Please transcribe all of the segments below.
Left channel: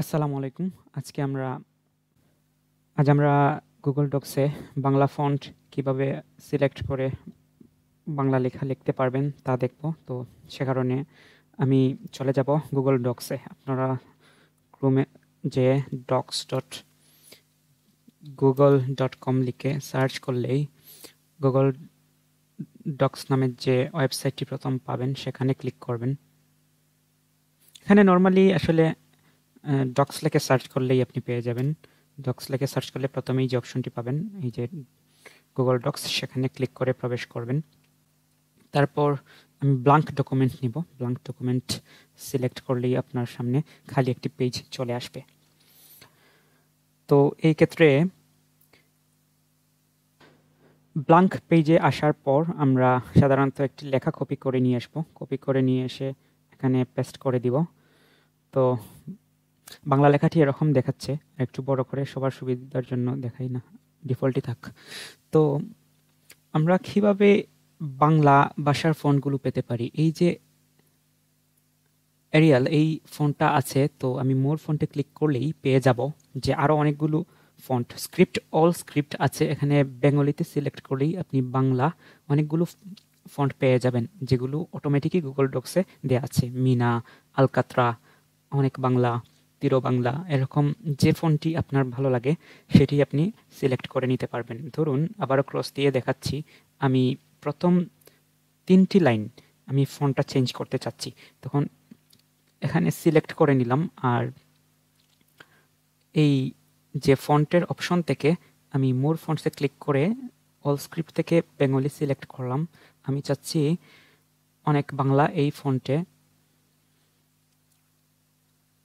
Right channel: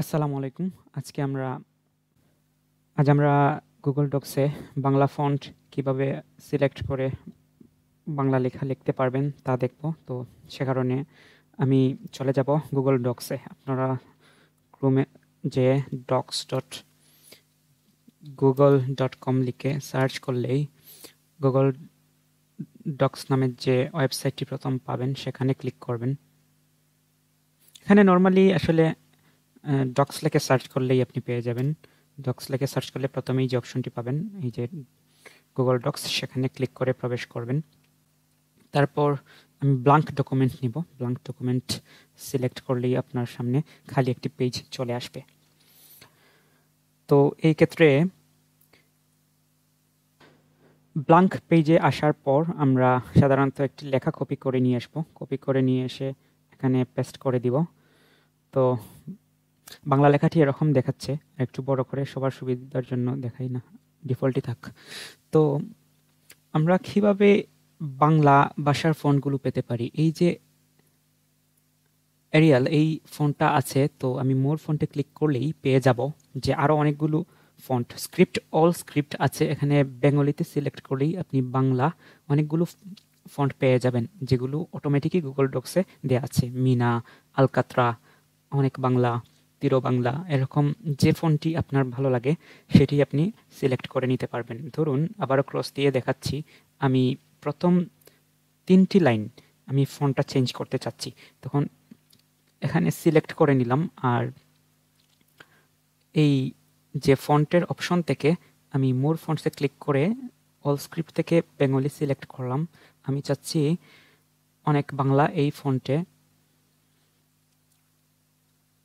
আসসালামু আলাইকুম। আজ আমরা গুগল ডক্সে বাংলা ফন্ট কিভাবে সিলেক্ট করে বাংলা লেখা লিখতে পারবেন তা দেখব। তো সে কারণে আমি চলে যাব গুগল ডক্সে। আপনারা ক্রোমে যে docs.google.com লিখে সার্চ করলেই গুগল ডক্স নামের যে ওয়েবসাইটটি প্রথম পাবেন সেখানে ক্লিক করবেন। এখানে নর্মালি আসলে ডক্স লিখে সার্চ করলেই আপনি পেয়ে যাবেন। ডক্স লিখে সার্চ করলে প্রথমেই যে অপশনটি পাবেন, এই যে গুগল ডক্স, সেখানে ক্লিক করে প্রবেশ করবেন। তারপর আমি ব্ল্যাঙ্ক ডকুমেন্ট নিব। ব্ল্যাঙ্ক ডকুমেন্ট সিলেক্ট করলেই আপনার সামনে খালি একটি পেজ চলে আসবে। তো এই ক্ষেত্রে ব্ল্যাঙ্ক পেজে আসার পর আমরা সাধারণত একটি লেখা কপি করে নিয়ে আসবো। কপি করে নিয়ে এসে এখানে পেস্ট করে দিব। তো বাংলা লেখাটি এরকম দেখাচ্ছে, একটু বড় করে সবার সুবিধার জন্য দেখাই না, ডিফল্টই থাক। তো আমরা কিভাবে বাংলা ভাষার ফন্টগুলো পেতে পারি? এই যে এরিয়াল এই ফন্টটা আছে, তো আমি মোর ফন্টে ক্লিক করলেই পেয়ে যাব যে আরো অনেকগুলো ফন্ট, স্ক্রিপ্ট, অল স্ক্রিপ্ট আছে। এখানে বেঙ্গলিতে সিলেক্ট করলেই আপনি বাংলা অনেকগুলো ফন্ট পেয়ে যাবেন, যেগুলো অটোমেটিকই গুগল ডক্সে দেওয়া আছে। মিনা, আলকাত্রা, অনেক বাংলা, তিরো বাংলা, এরকম যে ফন্টটি আপনার ভালো লাগে সেটি আপনি সিলেক্ট করে নিতে পারবেন। ধরুন আবারও ক্রস দিয়ে দেখাচ্ছি, আমি প্রথম 3টি লাইন আমি ফন্টটা চেঞ্জ করতে চাচ্ছি, তখন এখানে সিলেক্ট করে নিলাম। আর এই যে ফন্টের অপশন থেকে আমি মূল ফন্টসে ক্লিক করে অল স্ক্রিপ্ট থেকে বেঙ্গলি সিলেক্ট করলাম। আমি চাচ্ছি অনেক বাংলা এই ফন্টে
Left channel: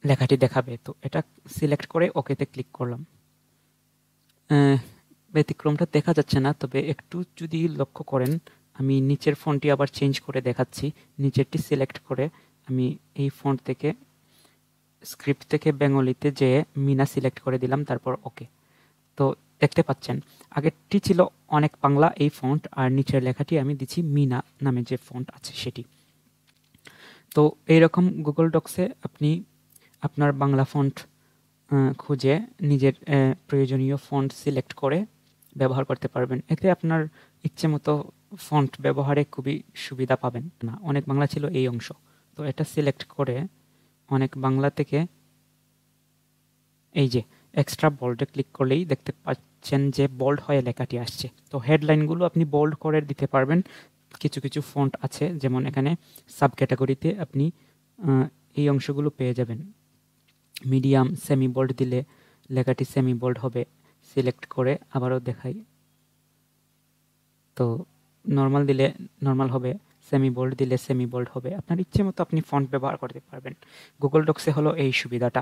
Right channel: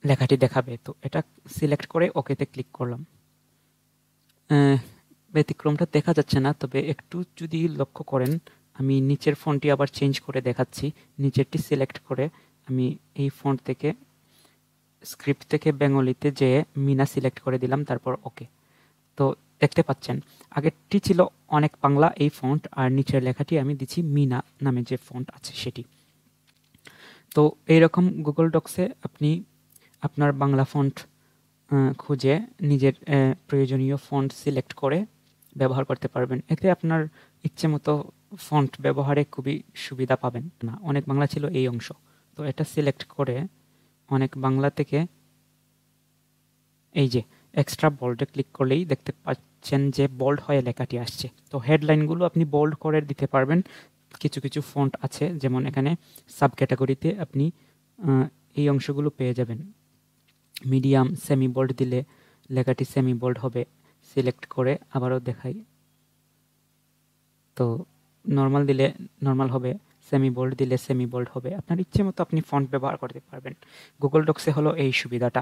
লেখাটি দেখাবে, তো এটা সিলেক্ট করে ওকেতে ক্লিক করলাম। ব্যতিক্রমটা দেখা যাচ্ছে না, তবে একটু যদি লক্ষ্য করেন, আমি নিচের ফন্টটি আবার চেঞ্জ করে দেখাচ্ছি। নিচেরটি সিলেক্ট করে আমি এই ফন্ট থেকে স্ক্রিপ্ট থেকে বেঙ্গলিতে যে মিনা সিলেক্ট করে দিলাম, তারপর ওকে। তো দেখতে পাচ্ছেন আগেরটি ছিল অনেক বাংলা এই ফন্ট, আর নিচের লেখাটি আমি দিচ্ছি মিনা নামে যে ফন্ট আছে সেটি। তো এইরকম গুগল ডক্সে আপনি আপনার বাংলা ফন্ট খুঁজে নিজের প্রয়োজনীয় ফন্ট সিলেক্ট করে ব্যবহার করতে পারবেন। এতে আপনার ইচ্ছে মতো ফন্ট ব্যবহারে খুবই সুবিধা পাবেন না। অনেক বাংলা ছিল এই অংশ, তো এটা সিলেক্ট করে অনেক বাংলা থেকে এই যে এক্সট্রা বোল্ডে ক্লিক করলেই দেখতে পাচ্ছেন যে বোল্ড হয়ে লেখাটি আসছে। তো হেডলাইনগুলো আপনি বোল্ড করে দিতে পারবেন। কিছু কিছু ফন্ট আছে, যেমন এখানে সাব ক্যাটাগরিতে আপনি এই অংশগুলো পেয়ে যাবেন। মিডিয়াম, সেমি বোল্ড দিলে লেখাটি সেমি বোল্ড হবে। সিলেক্ট করে আবারও দেখাই, তো নর্মাল দিলে নর্মাল হবে, সেমি বোল্ড দিলে সেমি বোল্ড হবে। আপনার ইচ্ছে মতো আপনি ফন্ট ব্যবহার করতে পারবেন। গুগল ডক্সে হলো এই সুবিধাটা।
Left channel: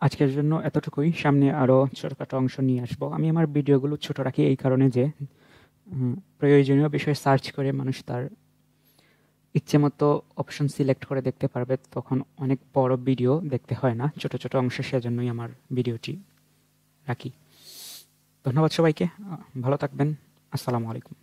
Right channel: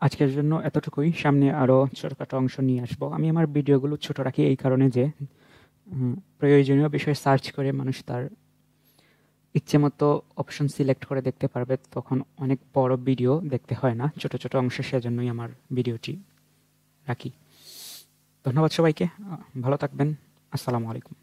আজকের জন্য এতটুকুই। সামনে আরো ছোটখাটো অংশ নিয়ে আসবো। আমি আমার ভিডিওগুলো ছোট রাখি এই কারণে যে প্রয়োজনীয় বিষয় সার্চ করে মানুষ তার ইচ্ছে মতো অপশন সিলেক্ট করে দেখতে পারবে, তখন অনেক বড় ভিডিও দেখতে হয় না, ছোট ছোট অংশ। সেজন্যই আমার ভিডিওটি রাখি। ধন্যবাদ সবাইকে, ভালো থাকবেন। আসসালামু আলাইকুম।